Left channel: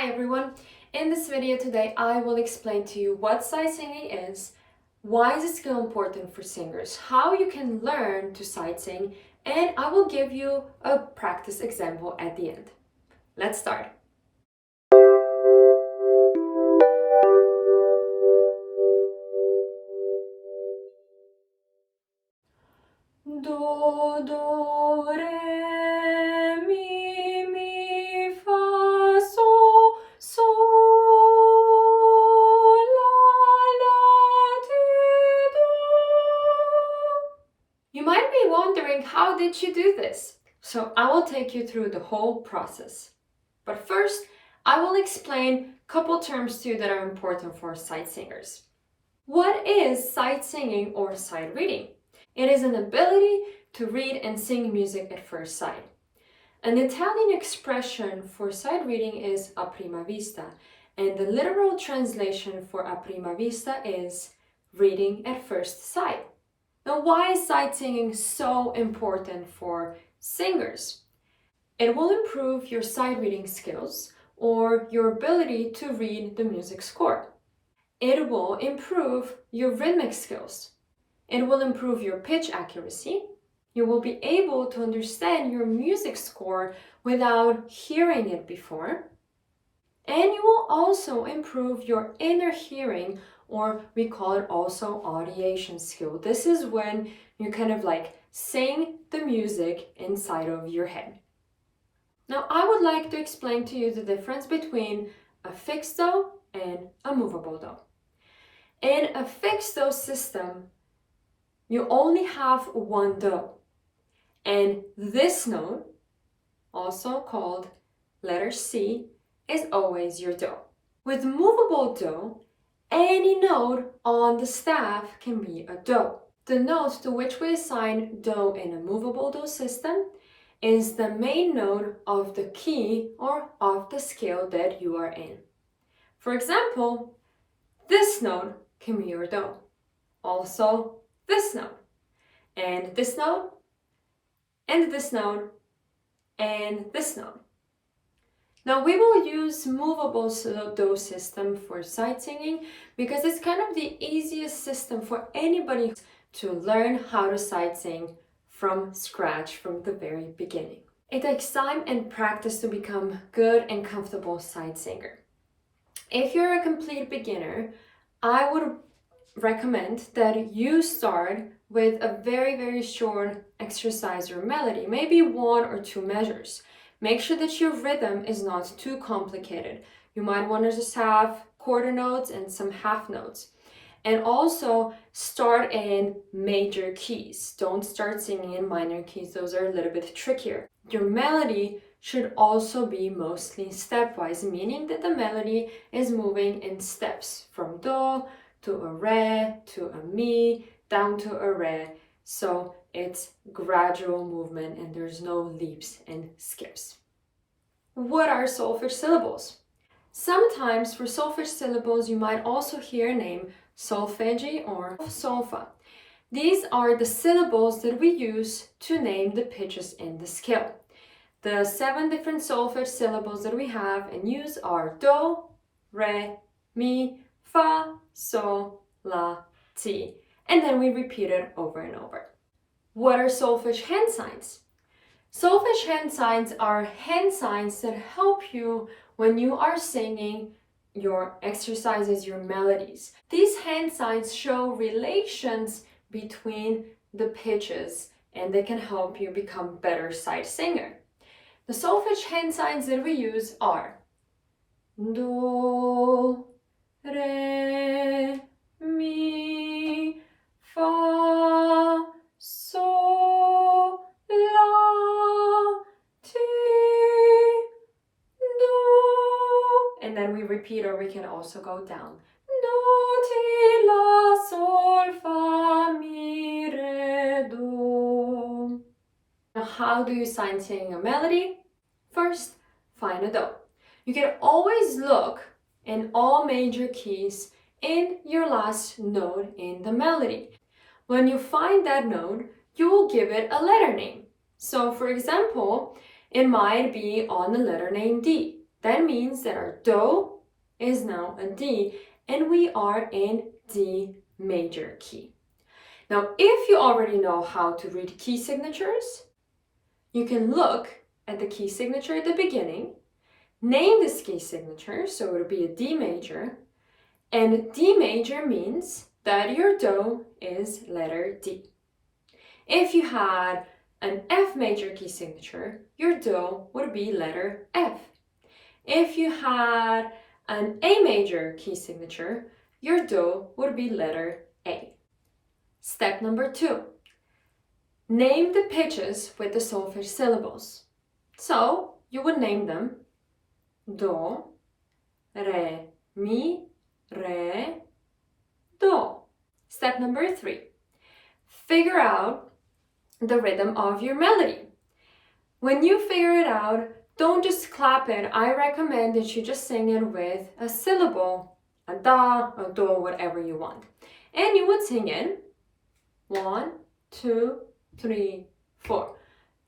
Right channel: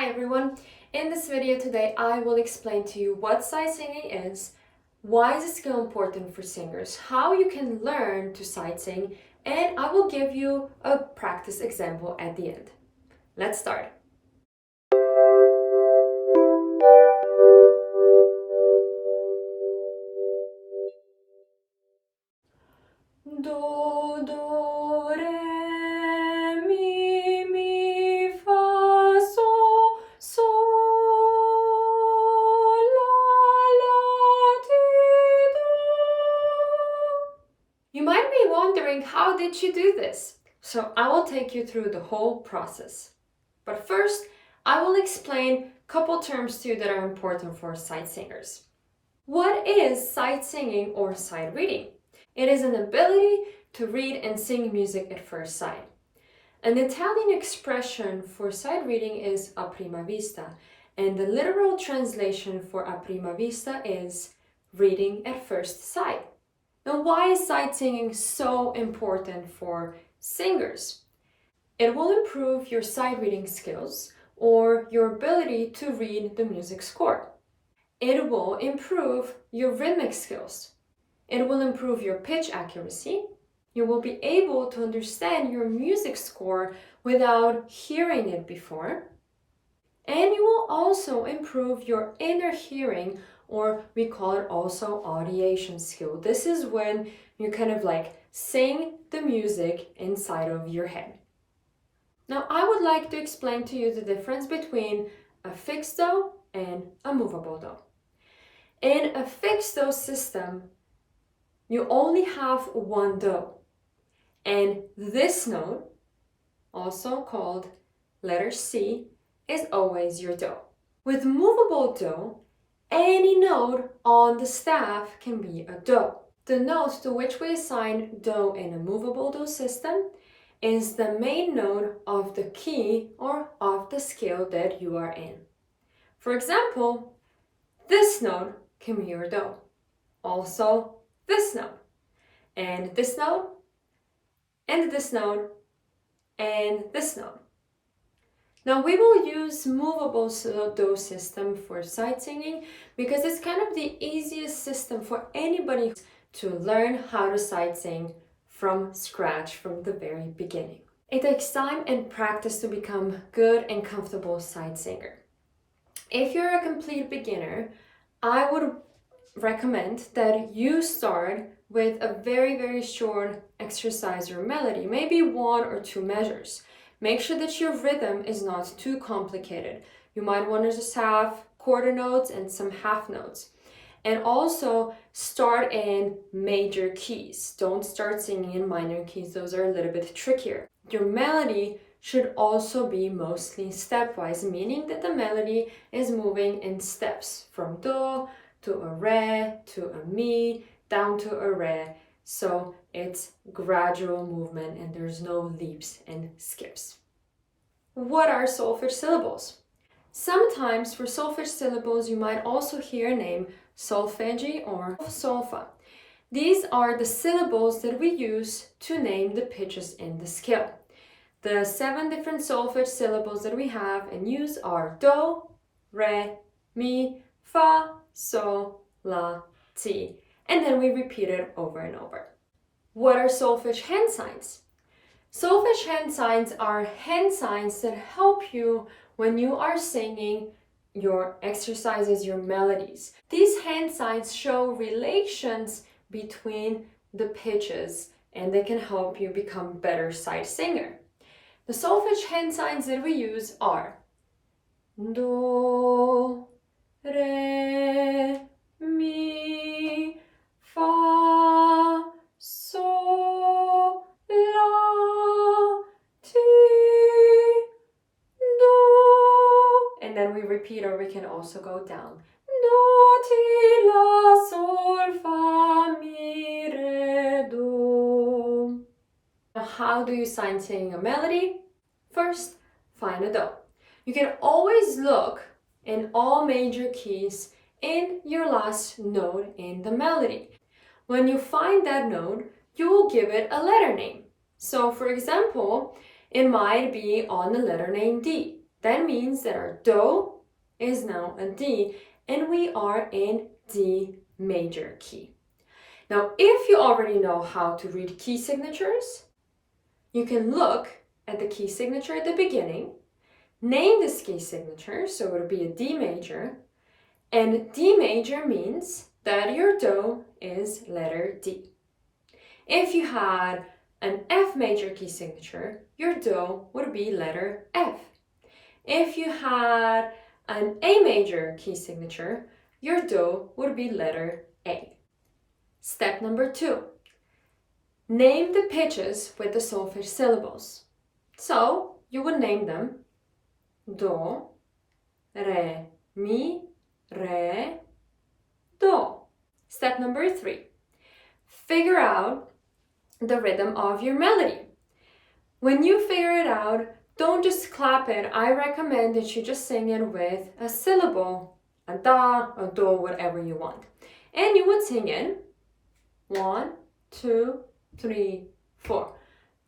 Hi everyone! In this video today I will explain to you what sight singing is, why is this skill important for singers, how you can learn to sight sing, and I will give you a practice example at the end. Let's start! Do, do, re, mi, fa, sol, la, ti, do. You might be wondering, how did she do this? So I will take you through the whole process. But first, I will explain a couple terms to you that are important for sight singers. What is sight singing or sight reading? It is an ability to read and sing music at first sight. An Italian expression for sight reading is a prima vista, and the literal translation for a prima vista is reading at first sight. Now, why is sight singing so important for singers? It will improve your sight reading skills or your ability to read the music score. It will improve your rhythmic skills. It will improve your pitch accuracy. You will be able to understand your music score without hearing it before. And you will also improve your inner hearing, or we call it also audiation skill. This is when you kind of like sing the music inside of your head. Now, I would like to explain to you the difference between a fixed do and a movable do. In a fixed do system, you only have one do, and this note, also called letter C, is always your do. With movable do, any note on the staff can be a do. The note to which we assign do in a movable do system is the main note of the key or of the scale that you are in. For example, this note can be your do. Also, this note, and this note, and this note, and this note. Now, we will use movable do system for sight singing because it's kind of the easiest system for anybody to learn how to sight sing from scratch, from the very beginning. It takes time and practice to become good and comfortable sight singer. If you're a complete beginner, I would recommend that you start with a very short exercise or melody, maybe 1 or 2 measures. Make sure that your rhythm is not too complicated. You might want to just have quarter notes and some half notes. And also start in major keys. Don't start singing in minor keys, those are a little bit trickier. Your melody should also be mostly stepwise, meaning that the melody is moving in steps from do to a re to a mi down to a re. So it's gradual movement and there's no leaps and skips. What are solfege syllables? Sometimes for solfege syllables you might also hear a name solfeggi or solfa. These are the syllables that we use to name the pitches in the scale. The 7 different solfege syllables that we have and use are do, re, mi, fa, sol, la, ti. And then we repeat it over and over. What are solfege hand signs? Solfege hand signs are hand signs that help you when you are singing your exercises, your melodies. These hand signs show relations between the pitches and they can help you become a better sight singer. The solfege hand signs that we use are do, re, mi, fa, sol, la, ti, do. And then we repeat, or we can also go down. Do, ti, la, sol, fa, mi, re, do. Now, how do you sight sing a melody? First, find a do. You can always look in all major keys in your last note in the melody. When you find that note, you will give it a letter name. So for example, it might be on the letter name D. That means that our do is now a D and we are in D major key. Now, if you already know how to read key signatures, you can look at the key signature at the beginning, name this key signature, so it would be a D major, and D major means that your do is letter D. If you had an F major key signature, your do would be letter F. If you had an A major key signature, your do would be letter A. Step number 2. Name the pitches with the solfege syllables. So you would name them do, re, mi, re, do. Step number 3. Figure out the rhythm of your melody. When you figure it out, don't just clap it. I recommend that you just sing it with a syllable, a da, a do, whatever you want. And you would sing it 1, 2, 3, 4.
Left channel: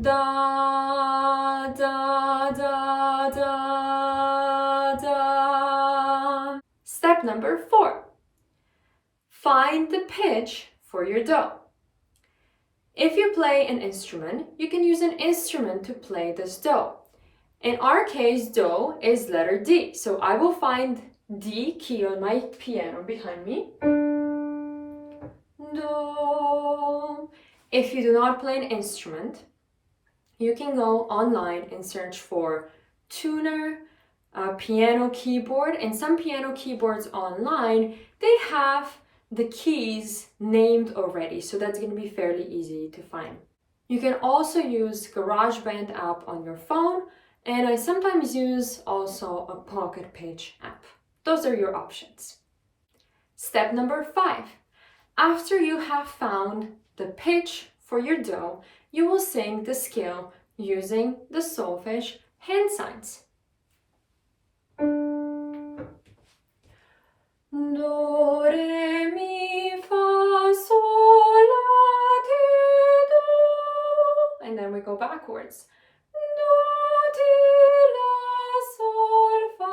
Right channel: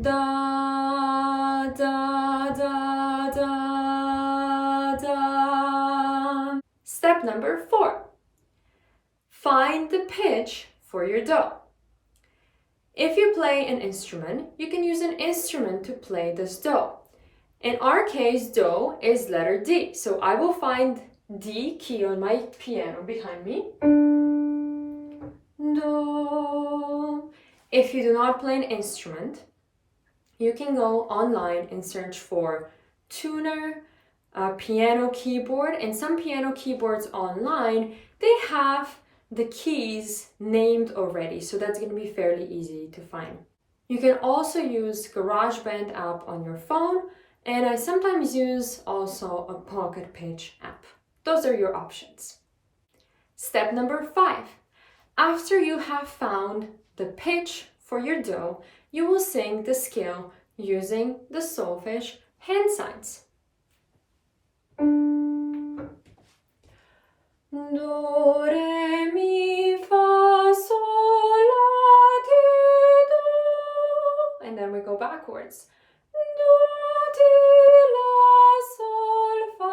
Da, da, da, da, da. Step number 4. Find the pitch for your do. If you play an instrument, you can use an instrument to play this do. In our case, do is letter D. So I will find D key on my piano behind me. Do. If you do not play an instrument, you can go online and search for tuner, piano keyboard, and some piano keyboards online, they have the keys named already, so that's going to be fairly easy to find. You can also use GarageBand app on your phone, and I sometimes use also a Pocket Pitch app. Those are your options. Step number 5. After you have found the pitch for your do, you will sing the scale using the solfege hand signs. Do, re, mi, fa, sol, la, ti, do. And then we go backwards. Do, ti, la, sol, fa,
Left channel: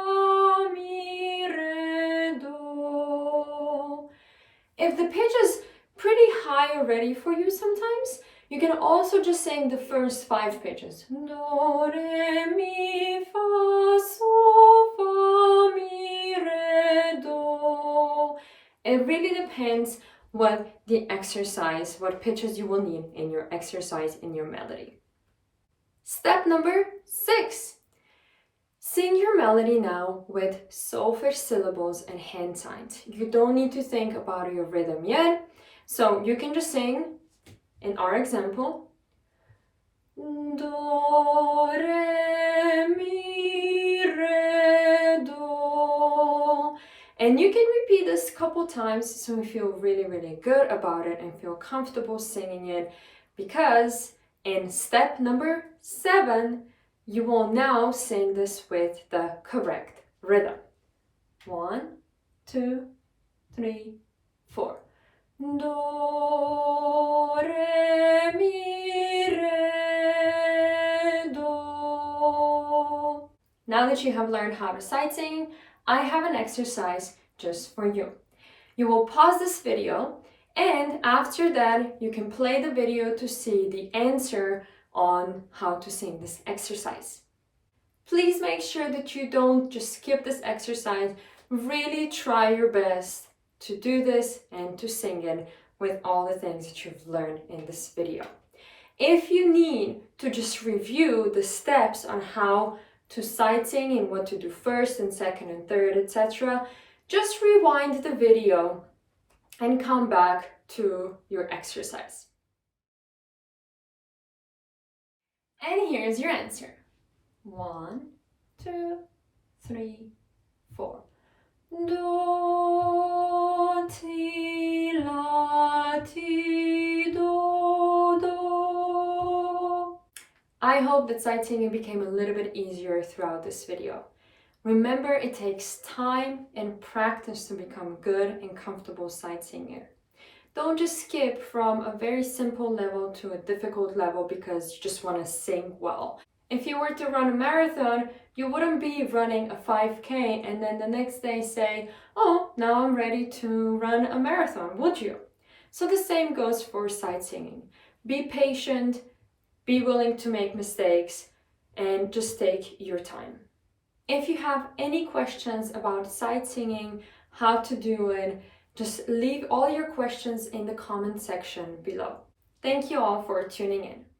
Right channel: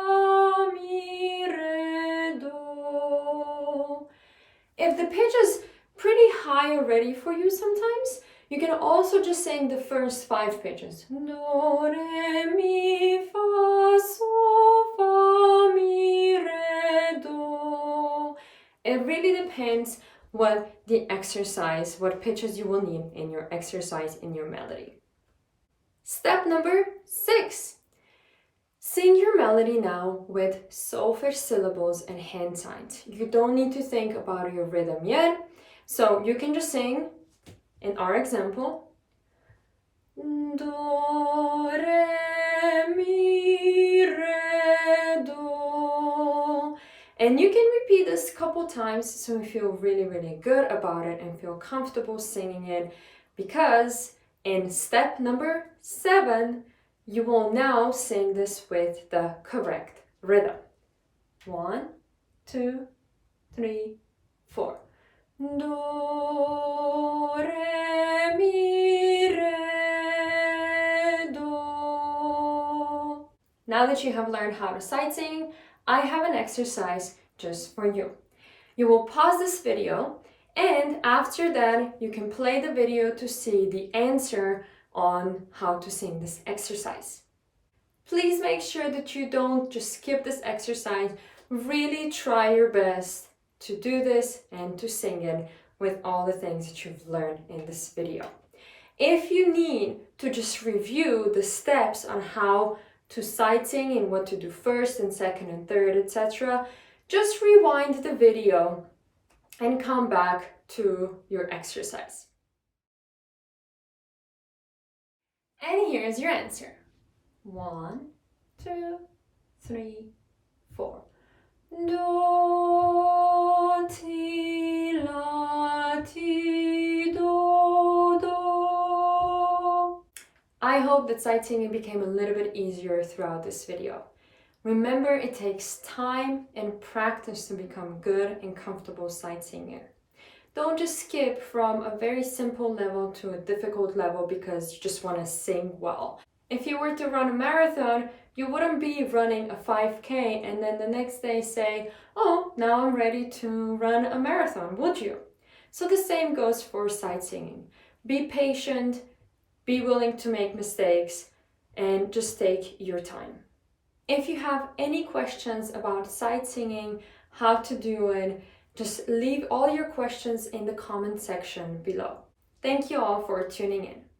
mi, re, do. If the pitch is pretty high already for you sometimes, you can also just sing the first 5 pitches. Do, re, mi, fa, sol, fa, mi, re, do. It really depends what pitches you will need in your exercise, in your melody. Step number 6. Sing your melody now with solfege syllables and hand signs. You don't need to think about your rhythm yet, so you can just sing, in our example, do, re, mi, re, do. And you can repeat this a couple times so you feel really, really good about it and feel comfortable singing it, because in step number 7, you will now sing this with the correct rhythm. 1, 2, 3, 4. Do, re, mi, re, do. Now that you have learned how to sight sing, I have an exercise just for you. You will pause this video, and after that, you can play the video to see the answer on how to sing this exercise. Please make sure that you don't just skip this exercise. Really try your best to do this and to sing it with all the things that you've learned in this video. If you need to just review the steps on how to sight sing and what to do first and second and third, etc., just rewind the video and come back to your exercise. And here's your answer. 1, 2, 3, 4. Do, ti, la, ti, do, do. I hope that sight singing became a little bit easier throughout this video. Remember, it takes time and practice to become good and comfortable sight singer. Don't just skip from a very simple level to a difficult level because you just want to sing well. If you were to run a marathon, you wouldn't be running a 5K and then the next day say, oh, now I'm ready to run a marathon, would you? So the same goes for sightseeing. Be patient, be willing to make mistakes, and just take your time. If you have any questions about sightseeing, how to do it, just leave all your questions in the comment section below. Thank you all for tuning in.